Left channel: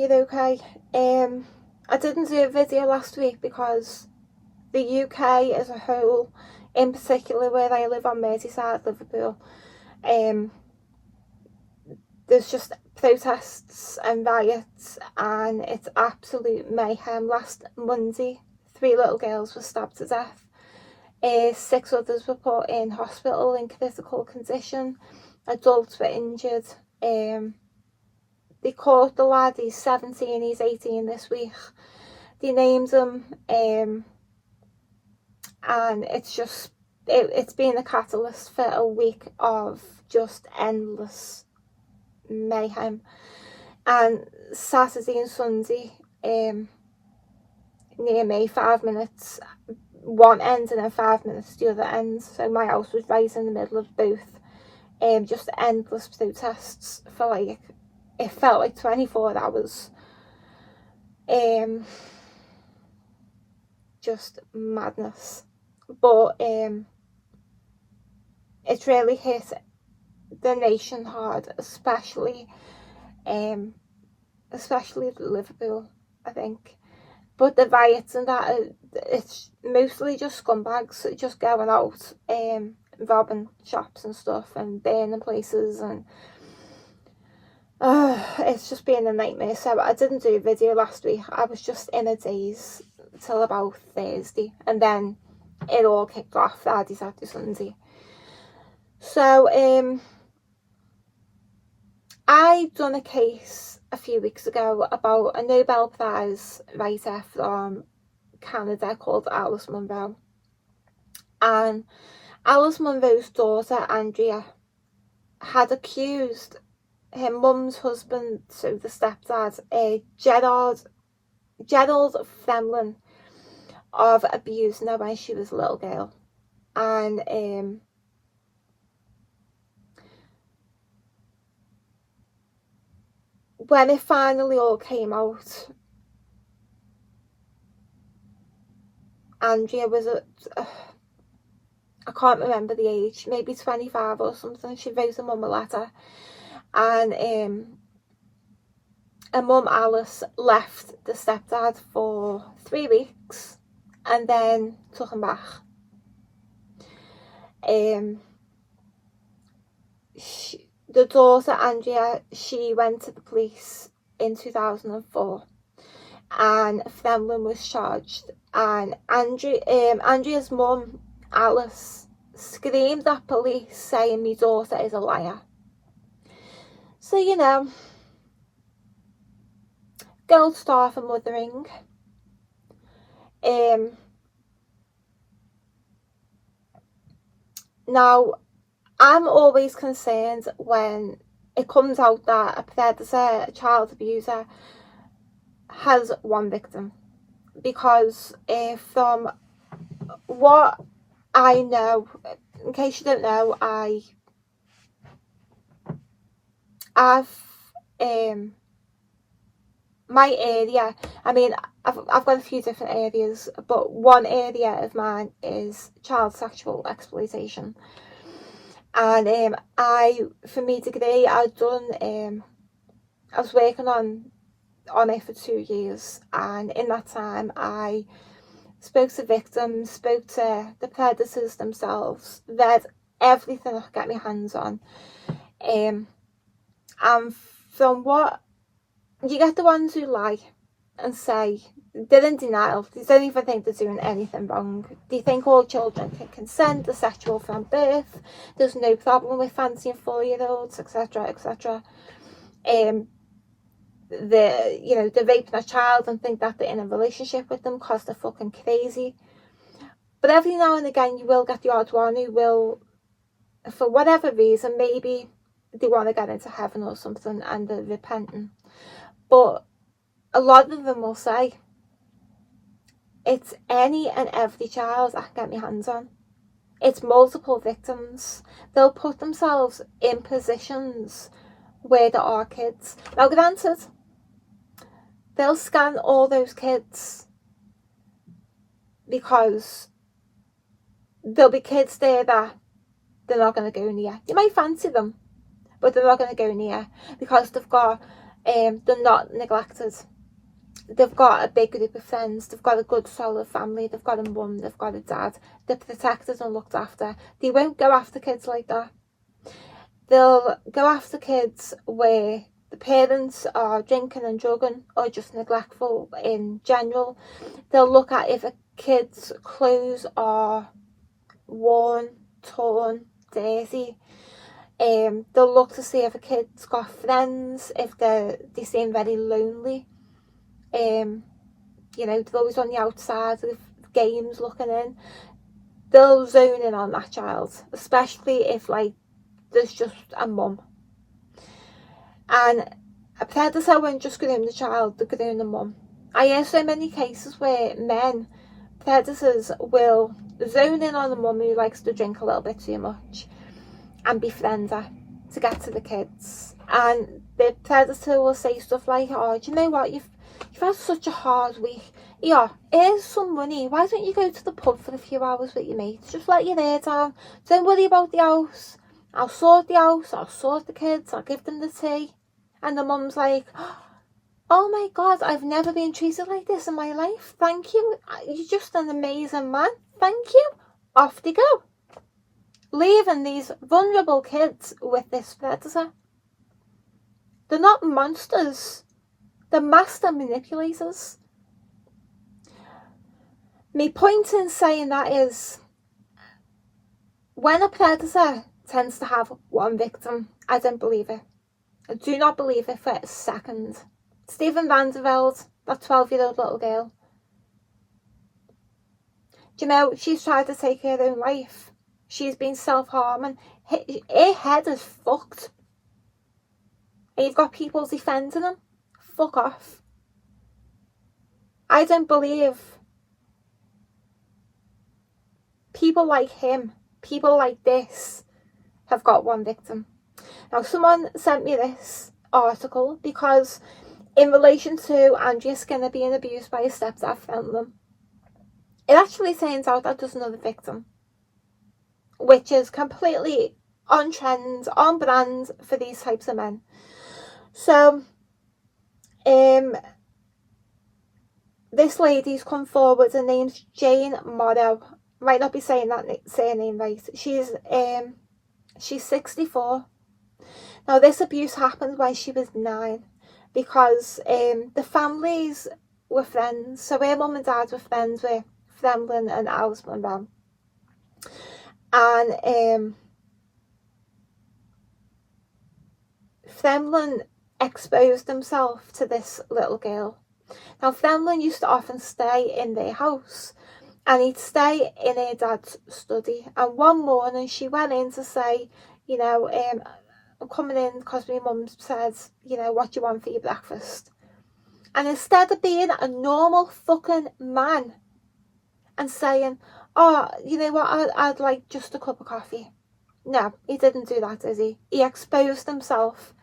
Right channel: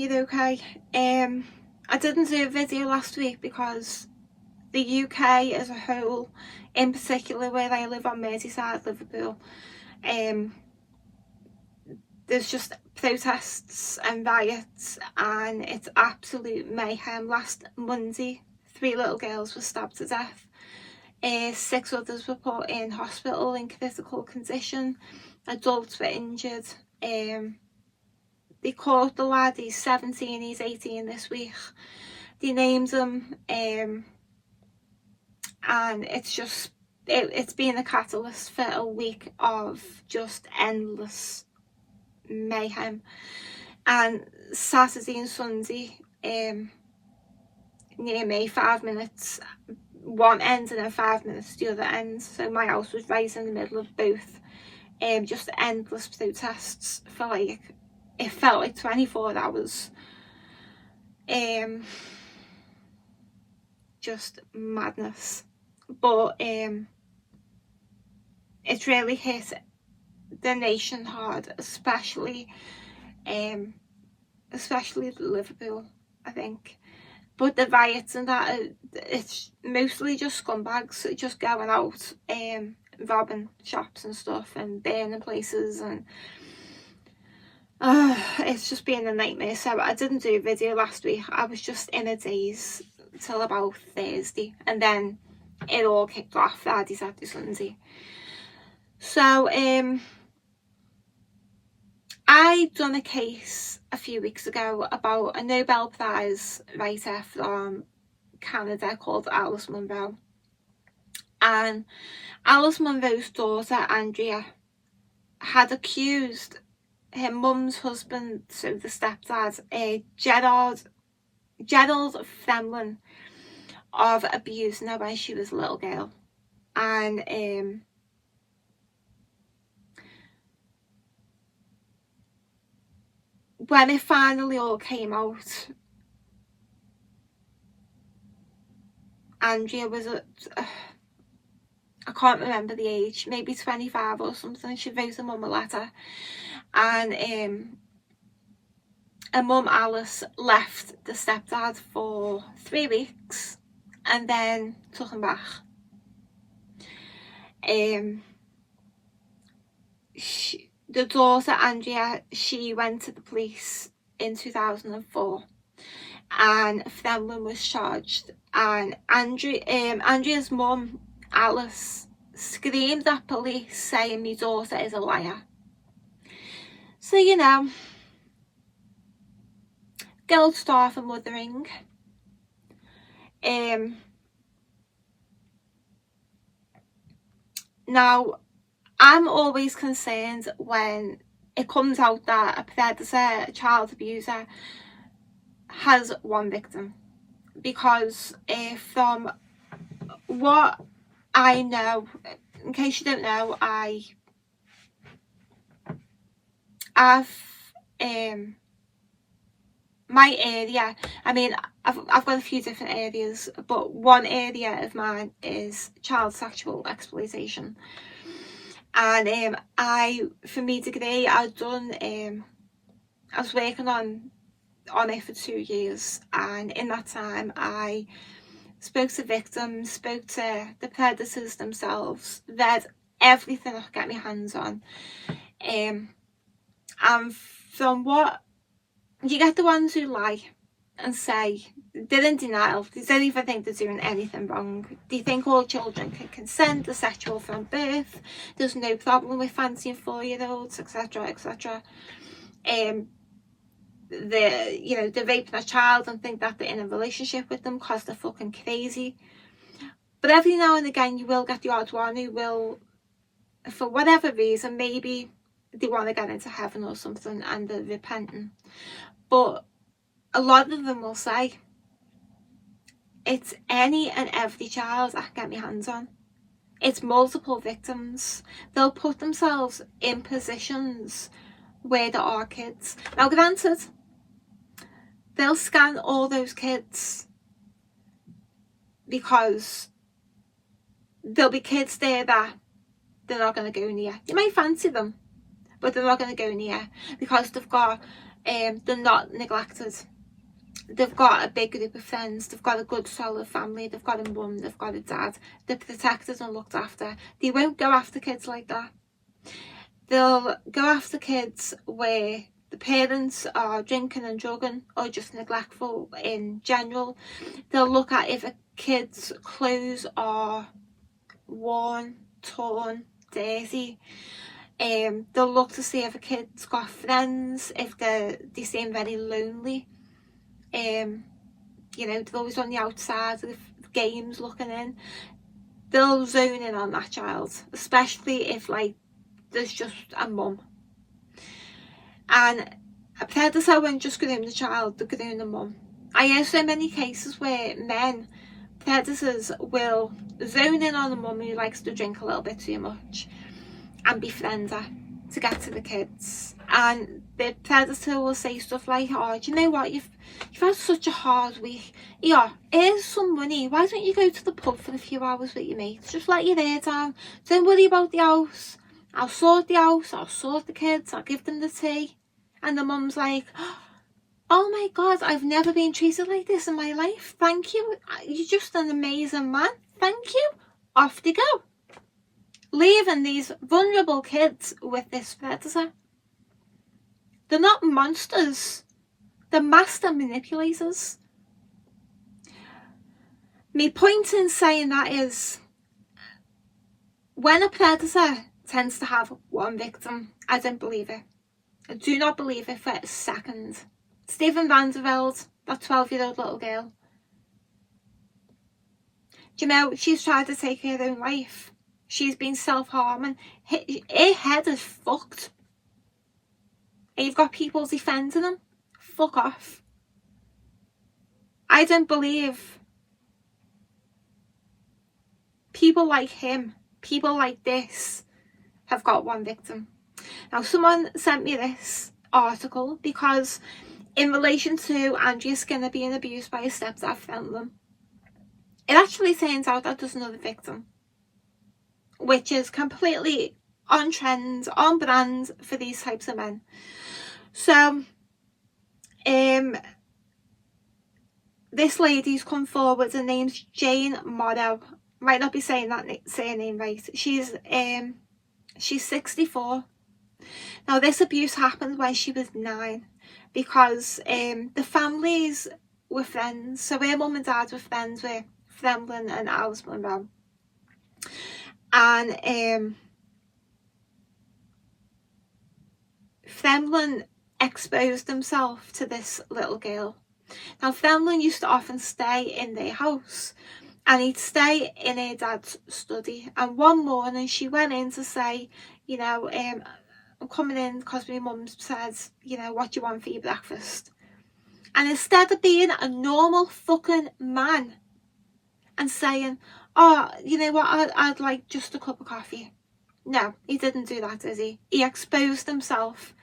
you're okay. I didn't do a video last week because the UK as a whole, in particular where I live on Merseyside, Liverpool, there's just protests and riots and it's absolute mayhem. Last Monday, 3 little girls were stabbed to death. 6 others were put in hospital in critical condition. Adults were injured. They caught the lad, he's 17, he's 18 this week. They named him, and it's been a catalyst for a week of just endless mayhem. And Saturday and Sunday, near me, 5 minutes one end and then 5 minutes the other end, so my house was right in the middle of both. Just endless protests for like, it felt like 24 hours. Just madness. But it's really hit the nation hard, especially Liverpool, I think. But the riots and that, it's mostly just scumbags just going out, robbing shops and stuff and burning places, and it's just been a nightmare. So I didn't do a video last week. I was just in a daze till about Thursday, and then it all kicked off Friday, Saturday, Sunday. So I done a case a few weeks ago about a Nobel Prize writer from Canada called Alice Munro. And Alice Munro's daughter, Andrea, had accused her mum's husband, so the stepdad, Gerald Fremlin, of abusing her when she was a little girl. And when it finally all came out, Andrea was I can't remember the age, maybe 25 or something. She wrote her mum a letter, and her mum Alice left the stepdad for 3 weeks and then took him back. The daughter, Andrea, she went to the police in 2004 and Fremlin was charged, and Andrea's mum, Alice, screamed at police saying my daughter is a liar. So, you know, gold star for mothering. Now, I'm always concerned when it comes out that a predator, a child abuser, has one victim, because from what I know, in case you don't know, my area, I mean, I've got a few different areas, but one area of mine is child sexual exploitation. And for my degree, I was working on it for 2 years, and in that time I spoke to victims, spoke to the predators themselves, read everything I could get my hands on, and from what you get, the ones who lie and say they're in denial, they don't even think they're doing anything wrong. They think all children can consent, they're sexual from birth, there's no problem with fancying 4-year-olds, etc, etc. They're raping a child and think that they're in a relationship with them because they're fucking crazy. But every now and again you will get the odd one who will, for whatever reason, maybe they want to get into heaven or something and they're repenting, but a lot of them will say it's any and every child I can get my hands on. It's multiple victims. They'll put themselves in positions where there are kids. Now granted, they'll scan all those kids because there'll be kids there that they're not going to go near. You might fancy them, but they're not going to go near because they've got they're not neglected. They've got a big group of friends, they've got a good solid family, they've got a mum, they've got a dad, they're protected and looked after. They won't go after kids like that. They'll go after kids where the parents are drinking and drugging or just neglectful in general. They'll look at if a kid's clothes are worn, torn, dirty. They'll look to see if a kid's got friends, if they seem very lonely. You know, they're always on the outside of games looking in. They'll zone in on that child, especially if like there's just a mum. And a predator won't just groom the child, they'll groom the mum. I hear so many cases where predators will zone in on the mum who likes to drink a little bit too much and befriend her to get to the kids. And the predator will say stuff like, oh, do you know what, you've had such a hard week. Yeah, here's some money. Why don't you go to the pub for a few hours with your mates? Just let your hair down. Don't worry about the house. I'll sort the house. I'll sort the kids. I'll give them the tea. And the mum's like, oh my God, I've never been treated like this in my life. Thank you. You're just an amazing man. Thank you. Off they go. Leaving these vulnerable kids with this predator. They're not monsters. They're master manipulators. My point in saying that is, when a predator tends to have one victim, I don't believe it. I do not believe it for a second. Steven Vanderveld, that 12-year-old little girl. Do you know, she's tried to take her own life. She's been self-harming. Her head is fucked. And you've got people defending him. Fuck off. I don't believe people like him, people like this, have got one victim. Now, someone sent me this article because in relation to Andrea Skinner being abused by a stepdad Fenlon, it actually turns out that there's another victim, which is completely on trend, on brand for these types of men. So, this lady's come forward. Her name's Jane Morrow. Might not be saying that surname right. She's 64. Now, this abuse happened when she was 9 because the families were friends. So her mum and dad were friends with Fenlon and Alice Monroe. And Fenlon exposed himself to this little girl. Now, Fenlon used to often stay in their house, and he'd stay in her dad's study. And one morning she went in to say, you know, I'm coming in because my mum said, you know, what do you want for your breakfast? And instead of being a normal fucking man and saying, oh, you know what, I'd like just a cup of coffee. No, he didn't do that, did he? He exposed himself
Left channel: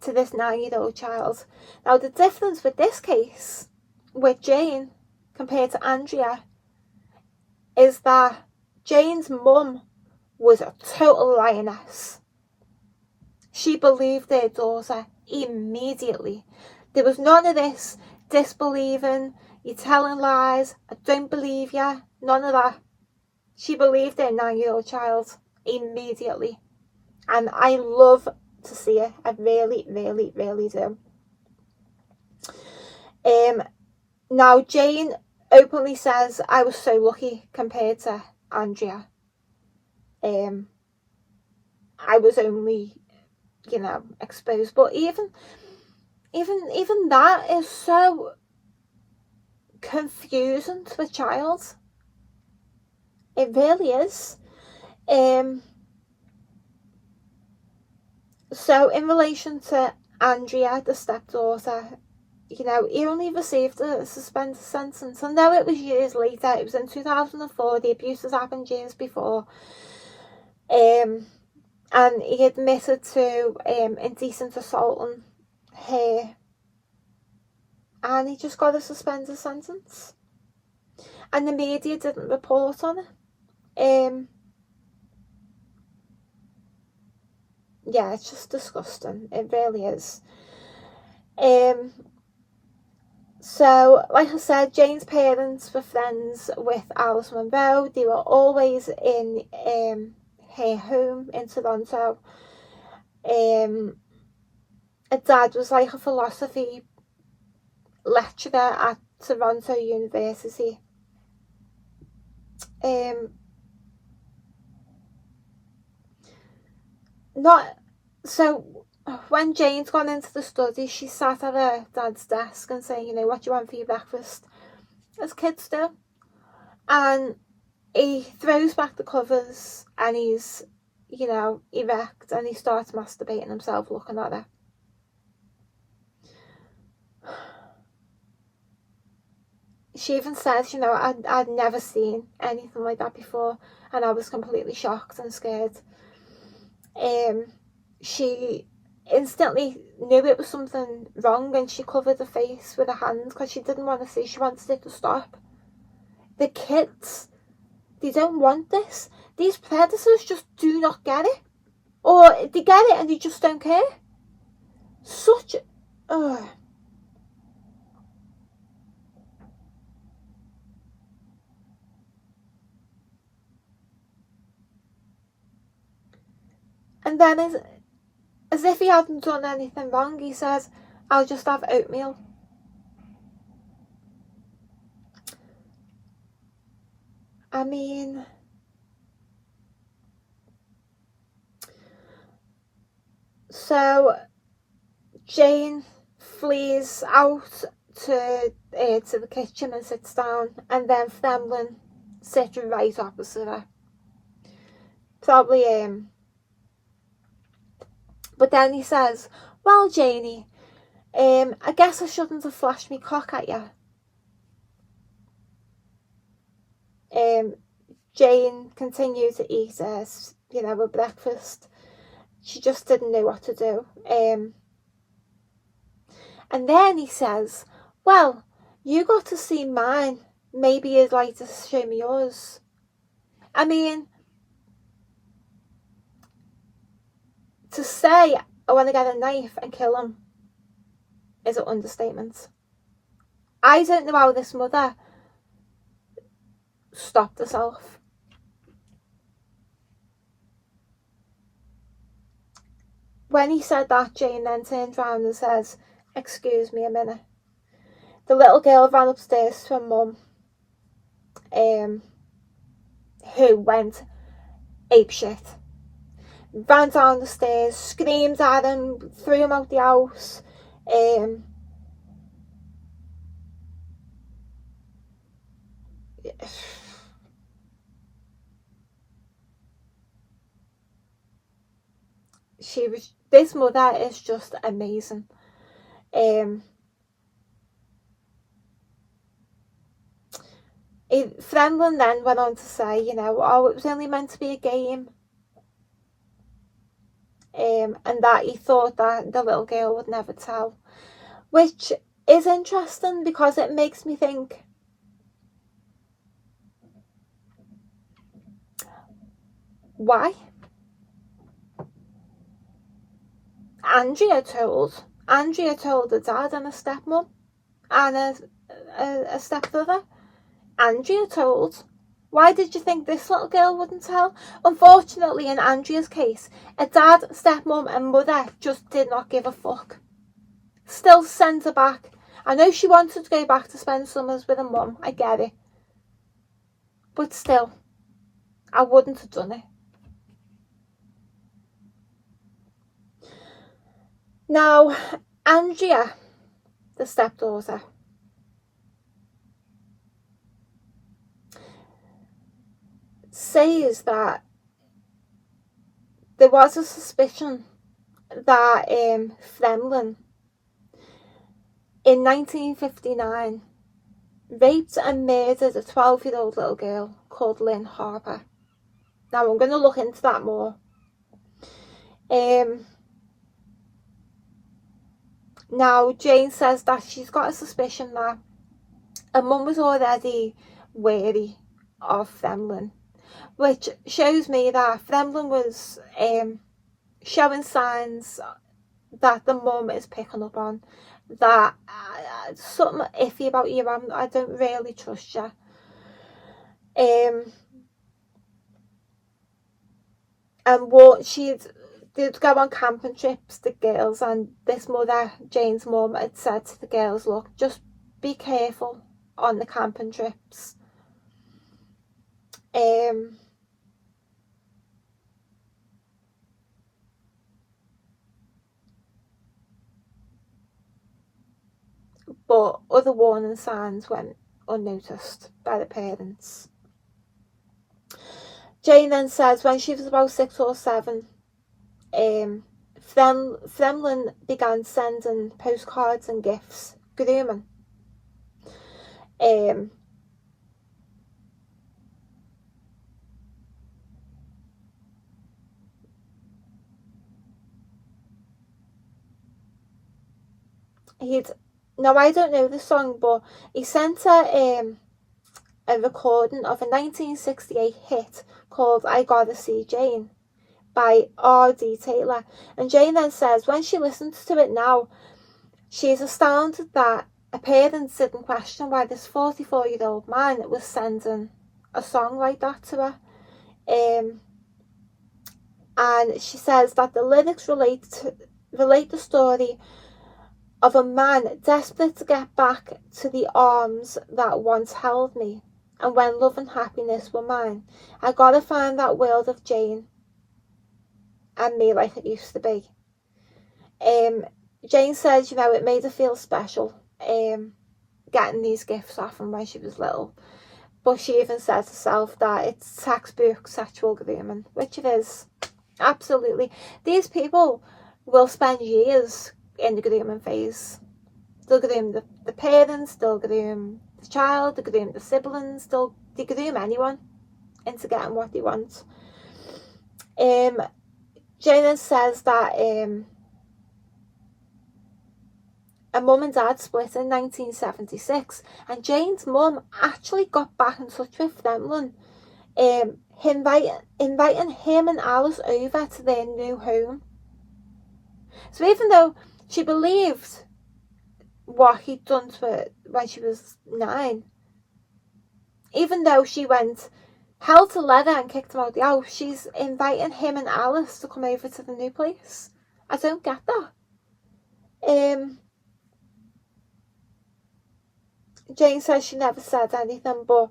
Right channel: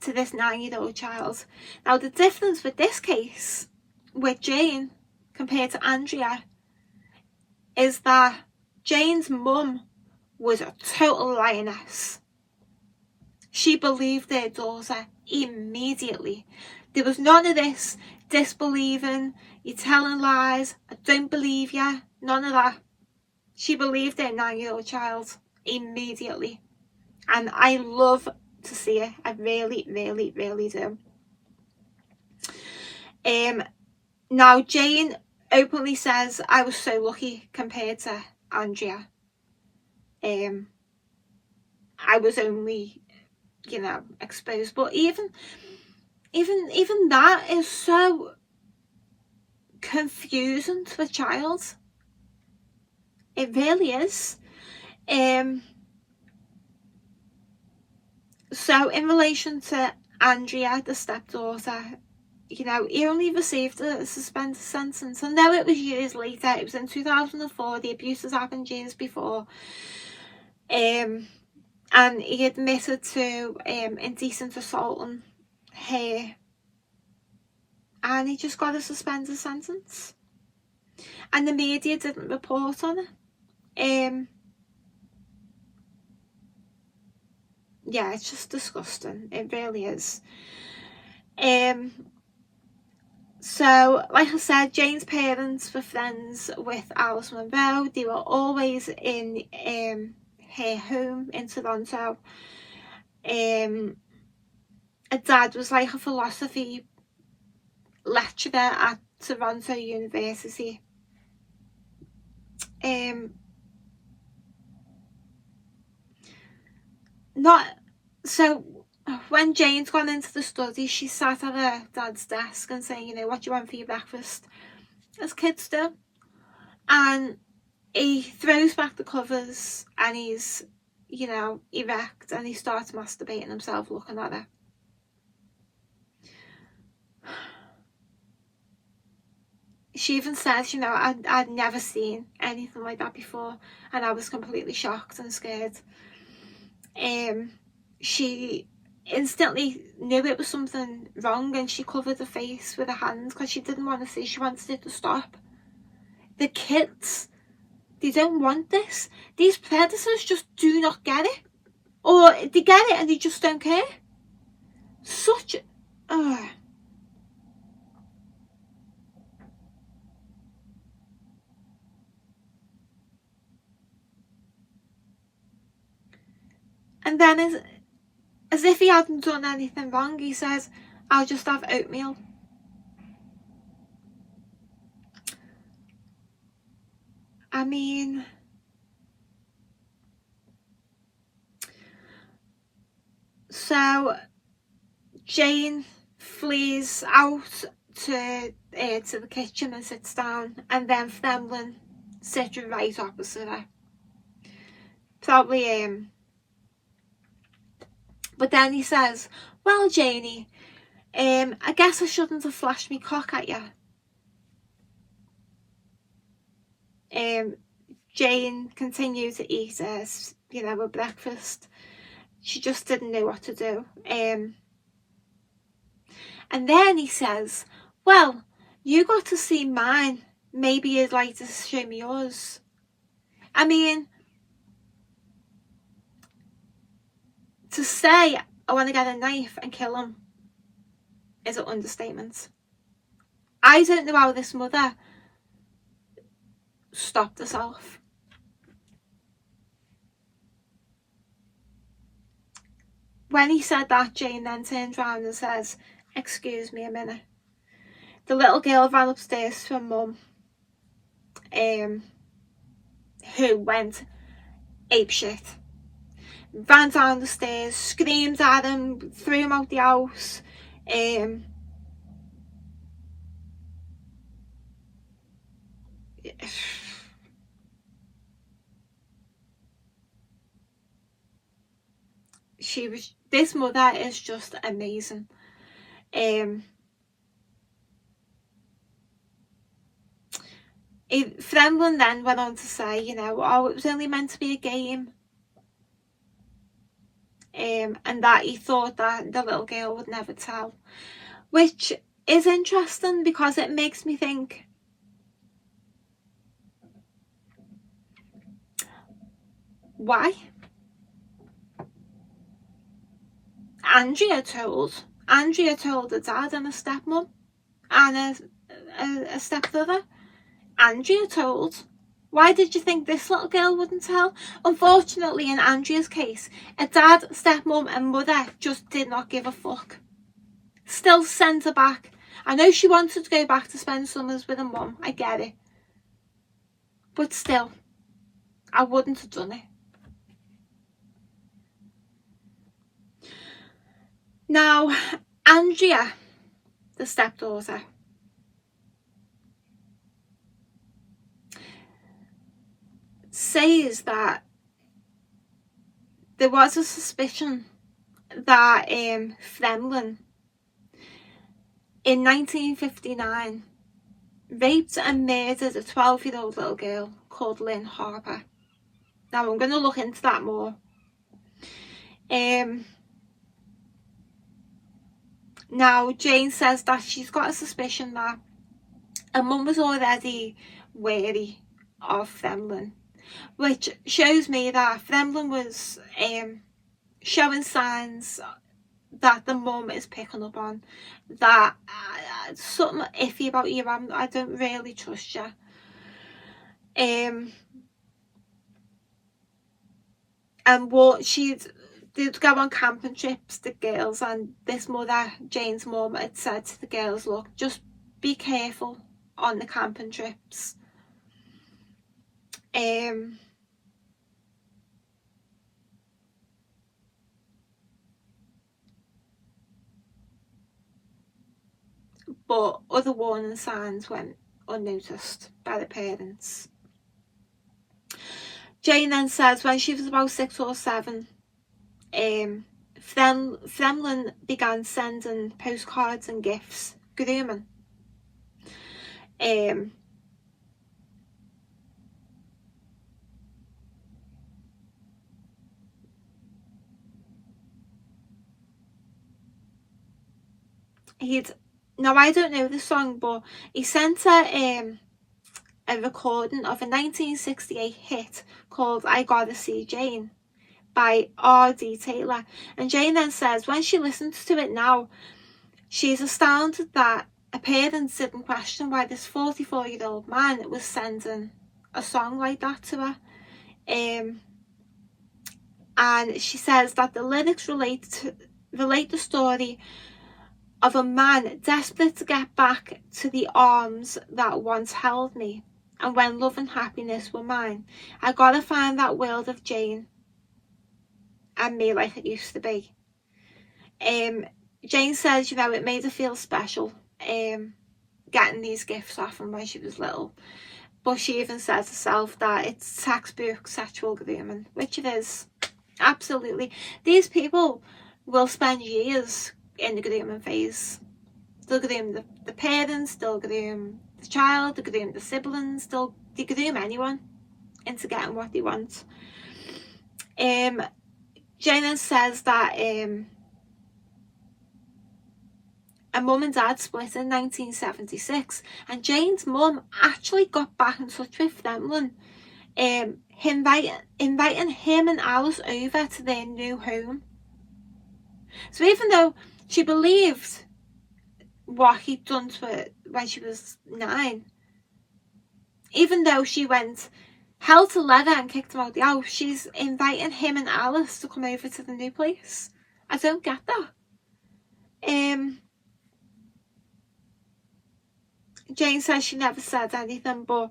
to this 9-year-old child. Now, the difference with this case, with Jane, compared to Andrea, is that Jane's mum was a total lioness. She believed her daughter immediately. There was none of this disbelieving, you're telling lies, I don't believe you, none of that. She believed her 9-year-old child immediately. And I love to see it. I really, really, really do. Now, Jane openly says, I was so lucky compared to Andrea. I was only, you know, exposed. But even that is so confusing to a child. It really is. So in relation to Andrea, the stepdaughter, you know, he only received a suspended sentence. I know it was years later. It was in 2004. The abuse has happened years before. And he admitted to indecent assaulting her. And he just got a suspended sentence. And the media didn't report on it. Yeah, it's just disgusting. It really is. So, like I said, Jane's parents were friends with Alice Monroe. They were always in her home in Toronto. Her dad was like a philosophy lecturer at Toronto University. Not so. When Jane's gone into the study, she sat at her dad's desk and saying, what do you want for your breakfast? As kids do. And he throws back the covers and he's, erect, and he starts masturbating himself looking at her. She even said, I'd never seen anything like that before, and I was completely shocked and scared. She instantly knew it was something wrong, and she covered her face with her hands because she didn't want to see. She wanted it to stop. The kids, they don't want this. These predators just do not get it, or they get it and they just don't care. Such And then as if he hadn't done anything wrong, he says, I'll just have oatmeal. I mean, so Jane flees out to the kitchen and sits down, and then Fremlin sits right opposite her. Probably but then he says, well, Janie, I guess I shouldn't have flashed me cock at you. Jane continued to eat her breakfast. She just didn't know what to do. And then he says, well, you got to see mine. Maybe you'd like to show me yours. I mean, to say I want to get a knife and kill him is an understatement. I don't know how this mother stopped herself. When he said that, Jane then turns around and says, excuse me a minute. The little girl ran upstairs to her mum, who went apeshit. Ran down the stairs, screamed at him, threw him out the house. This mother is just amazing. Fremlin then went on to say, it was only meant to be a game. And that he thought that the little girl would never tell. Which is interesting because it makes me think, why? Andrea told her dad and a stepmom and a stepbrother. Andrea told. Why did you think this little girl wouldn't tell? Unfortunately, in Andrea's case, a dad, stepmom and mother just did not give a fuck. Still sent her back. I know she wanted to go back to spend summers with her mum. I get it. But still, I wouldn't have done it. Now, Andrea, the stepdaughter, says that there was a suspicion that Fremlin in 1959 raped and murdered a 12-year-old little girl called Lynn Harper. Now I'm going to look into that more. Now Jane says that she's got a suspicion that her mum was already wary of Fremlin, which shows me that Fremlin was showing signs that the mum is picking up on, that something iffy about you, I don't really trust you. And what they'd go on camping trips, the girls, and this mother, Jane's mum, had said to the girls, look, just be careful on the camping trips. But other warning signs went unnoticed by the parents. Jane then says when she was about 6 or 7, Fremlin began sending postcards and gifts, grooming. Now I don't know the song, but he sent her a recording of a 1968 hit called I Gotta See Jane by R.D. Taylor. And Jane then says when she listens to it now, she's astounded that her parents didn't question why this 44-year-old man was sending a song like that to her. And she says that the lyrics relate the story of a man desperate to get back to the arms that once held me, and when love and happiness were mine, I gotta find that world of Jane and me like it used to be. Jane says, it made her feel special getting these gifts off him when she was little, but she even says herself that it's textbook sexual grooming, which it is. Absolutely. These people will spend years in the grooming phase. They'll groom the parents, they'll groom the child, they'll groom the siblings, they groom anyone into getting what they want. Jane says that her mum and dad split in 1976, and Jane's mum actually got back in touch with Fremlin, inviting him and Alice over to their new home. So even though she believed what he'd done to her when she was 9, even though she went hell to leather and kicked him out the house, she's inviting him and Alice to come over to the new place. I don't get that. Jane says she never said anything, but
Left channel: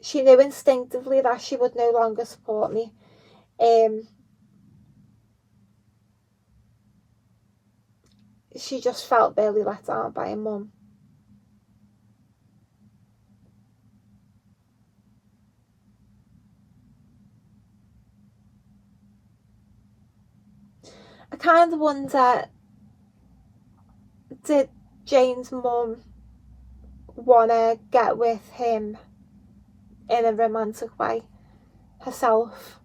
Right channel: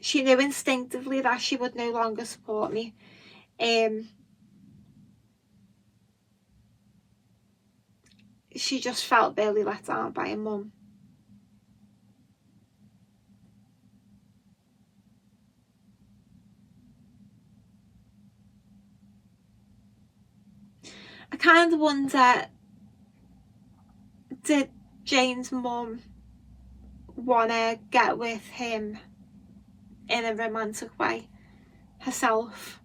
she knew instinctively that she would no longer support me. She just felt really let down by her mum. I kind of wonder, did Jane's mum want to get with him in a romantic way herself?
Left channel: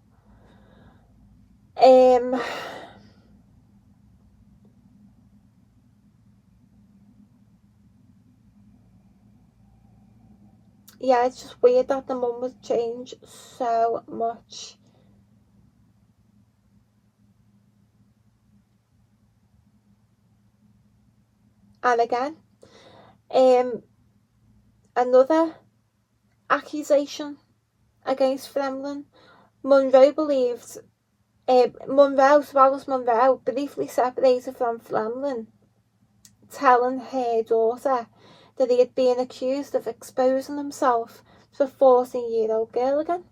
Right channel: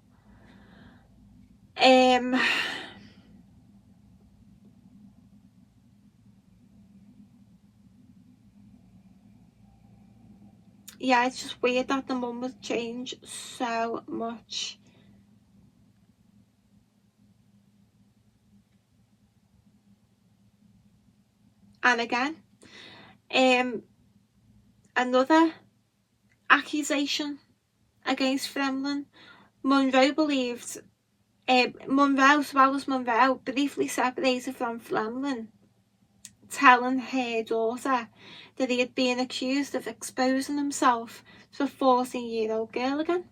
Yeah, it's just weird that the mum would change so much. And again, another accusation against Fremlin. Monroe, as well as Monroe, briefly separated from Fremlin, telling her daughter that he had been accused of exposing himself to a 14-year-old girl again.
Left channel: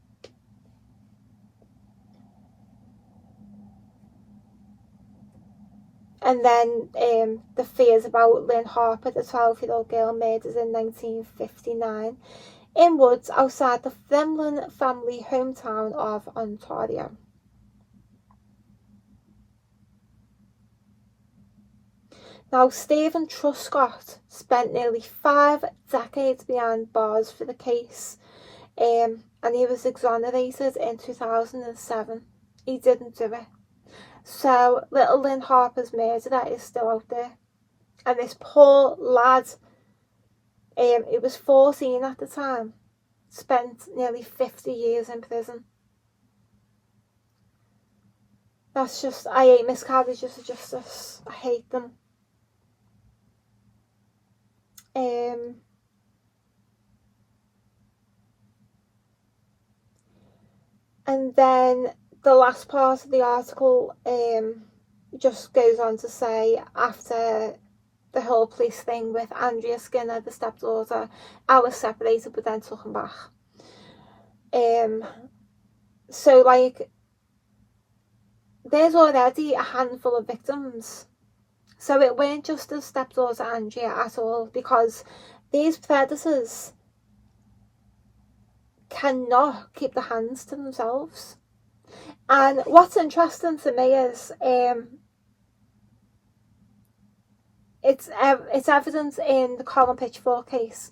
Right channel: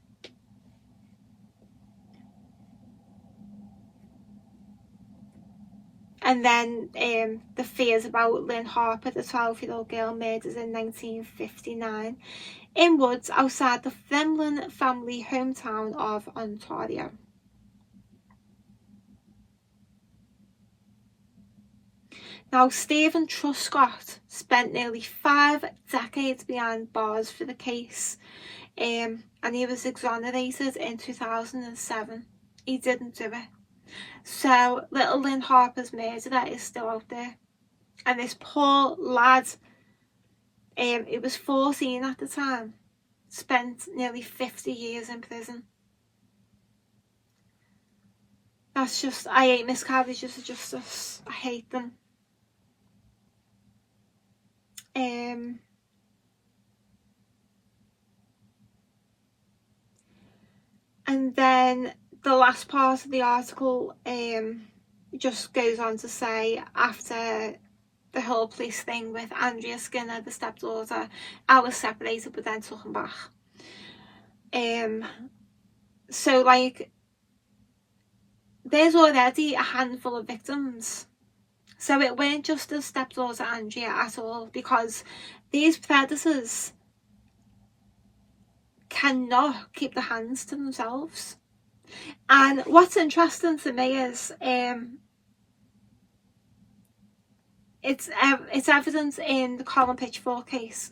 And then the fears about Lynn Harper, the 12-year-old girl murdered in 1959 in woods outside the Fremlin family hometown of Ontario. Now, Stephen Truscott spent nearly 5 decades behind bars for the case, and he was exonerated in 2007. He didn't do it. So little Lynn Harper's murderer is still out there, and this poor lad, he was 14 at the time, spent nearly 50 years in prison. That's just, I hate miscarriages of justice. I hate them. And then the last part of the article just goes on to say, after the whole police thing with Andrea Skinner, the stepdaughter, I was separated but then took him back. So like, there's already a handful of victims. So it weren't just the stepdaughter Andrea at all, because these predators cannot keep their hands to themselves. And what's interesting to me is it's evident in the Colin Pitchfork case.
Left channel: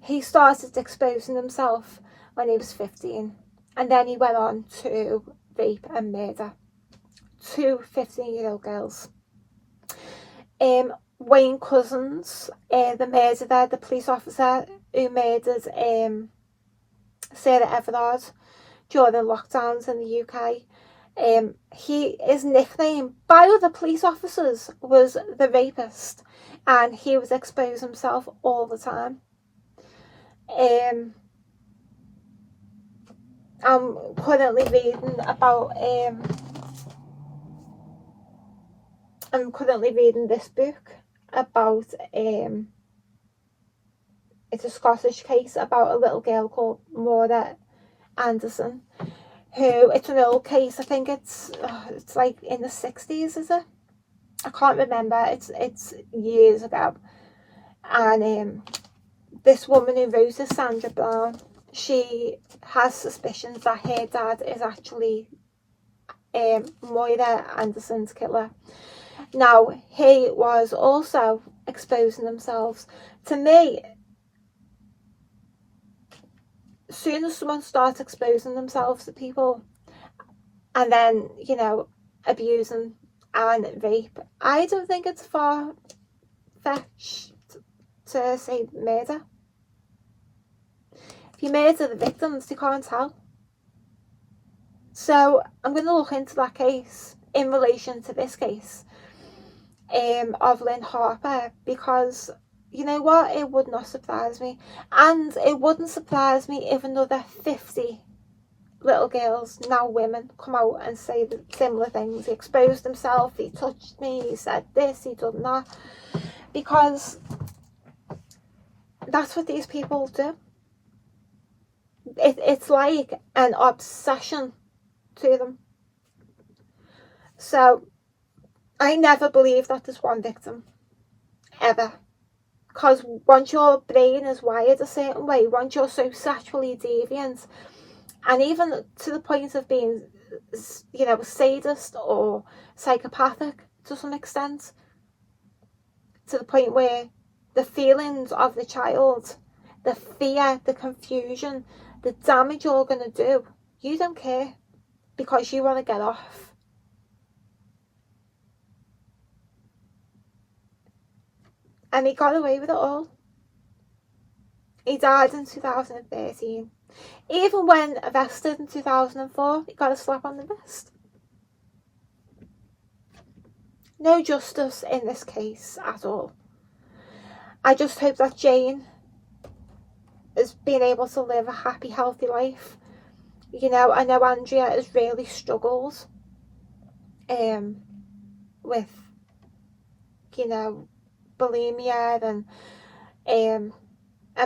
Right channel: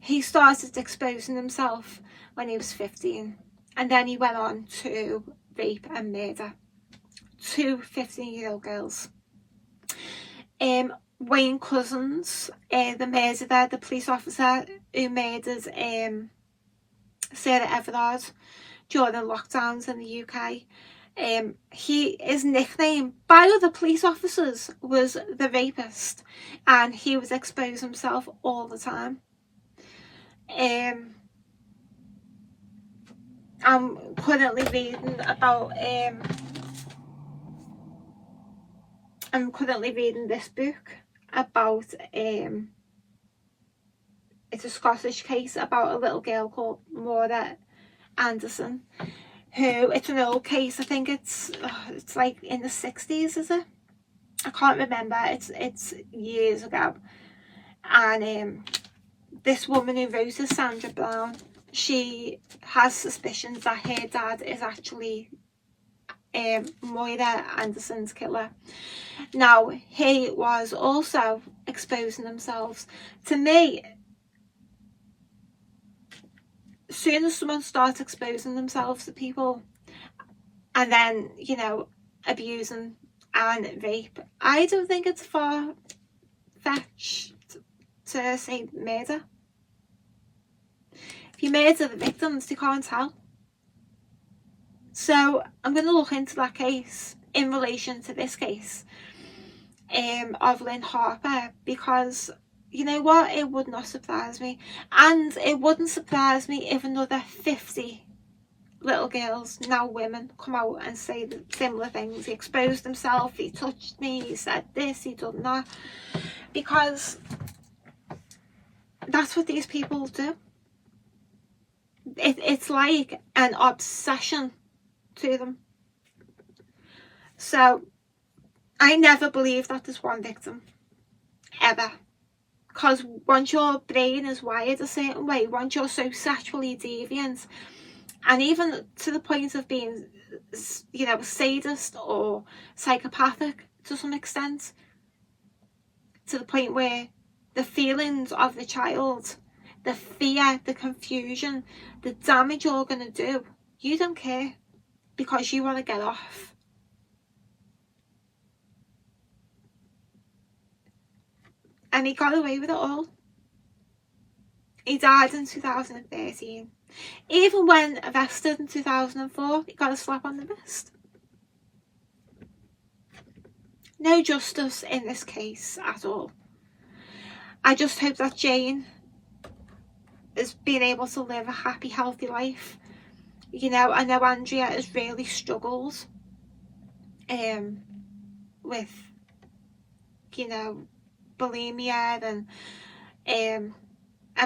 He started exposing himself when he was 15, and then he went on to rape and murder 2 15-year-old girls. Wayne Couzens, the murderer, the police officer who murdered Sarah Everard during the lockdowns in the UK, his nickname by other police officers was the rapist, and he was exposing himself all the time. I'm currently reading about I'm currently reading this book about it's a Scottish case about a little girl called Maura Anderson, who, it's an old case. I think it's like in the 60s, is it? I can't remember. It's years ago. And this woman who wrote it, Sandra Brown, she has suspicions that her dad is actually Moira Anderson's killer. Now, he was also exposing themselves. To me, as soon as someone starts exposing themselves to people and then, you know, abusing and rape, I don't think it's far-fetched to say murder. If you murder the victims, they can't tell. So I'm going to look into that case in relation to this case of Lynn Harper, because you know what, it would not surprise me, and it wouldn't surprise me if another 50 little girls, now women, come out and say similar things. He exposed himself, he touched me, he said this, he done that, because that's what these people do. It's like an obsession to them. So I never believe that there's one victim, ever. Because once your brain is wired a certain way, once you're so sexually deviant, and even to the point of being, you know, sadist or psychopathic to some extent, to the point where the feelings of the child, the fear, the confusion, the damage you're going to do, you don't care, because you want to get off. And he got away with it all. He died in 2013. Even when arrested in 2004, he got a slap on the wrist. No justice in this case at all. I just hope that Jane is being able to live a happy, healthy life. You know, I know Andrea has really struggled with, you know, bulimia, and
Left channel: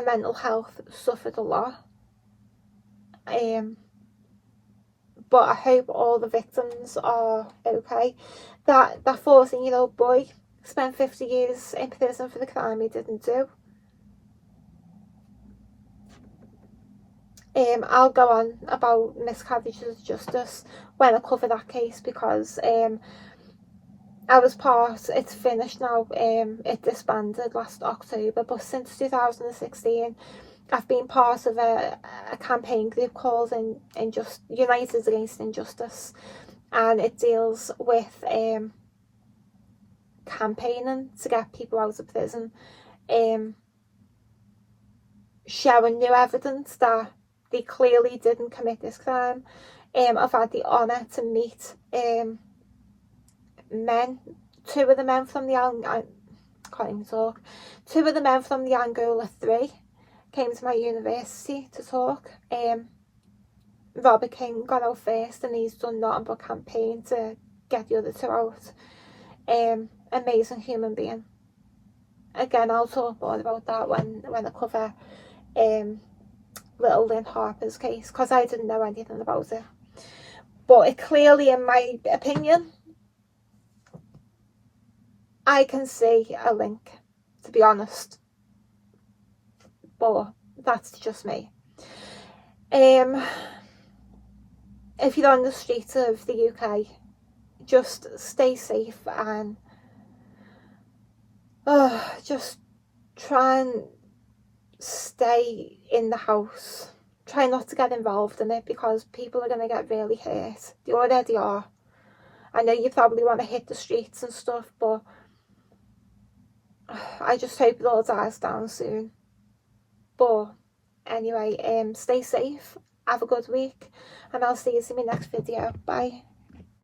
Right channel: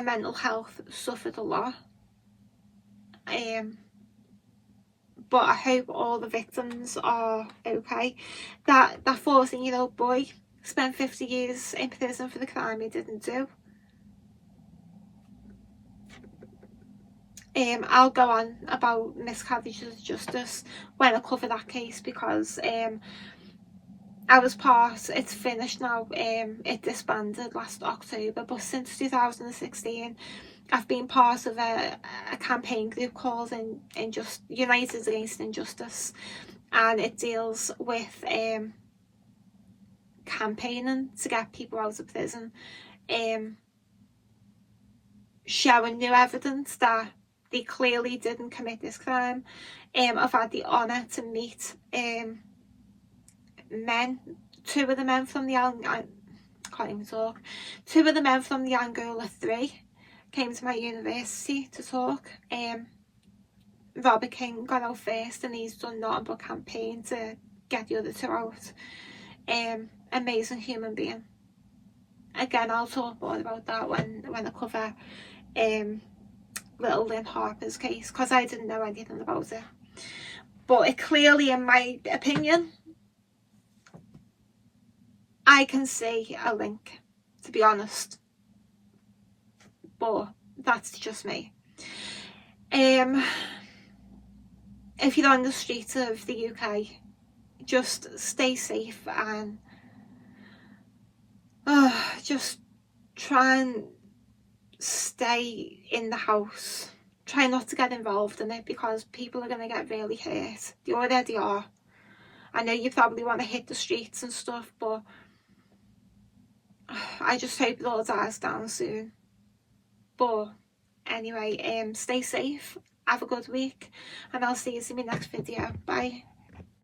mental health suffered a lot. But I hope all the victims are okay. That 14-year-old boy spent 50 years in prison for the crime he didn't do. I'll go on about miscarriages of justice when I cover that case, because I was part, it's finished now, it disbanded last October, but since 2016 I've been part of a campaign group called United Against Injustice, and it deals with campaigning to get people out of prison, showing new evidence that they clearly didn't commit this crime. I've had the honour to meet men, two of the men from the two of the men from the Angola 3 came to my university to talk. Robert King got out first, and he's done nothing but campaign to get the other two out. Amazing human being. Again, I'll talk more about that when I cover little Lynn Harper's case, because I didn't know anything about it. But it clearly, in my opinion, I can see a link, to be honest. But that's just me. If you're on the streets of the UK, just stay safe and just try and stay in the house. Try not to get involved in it, because people are going to get really hurt. They already are. I know you probably want to hit the streets and stuff, but I just hope it all dies down soon. But anyway, stay safe, have a good week, and I'll see you in my next video. Bye.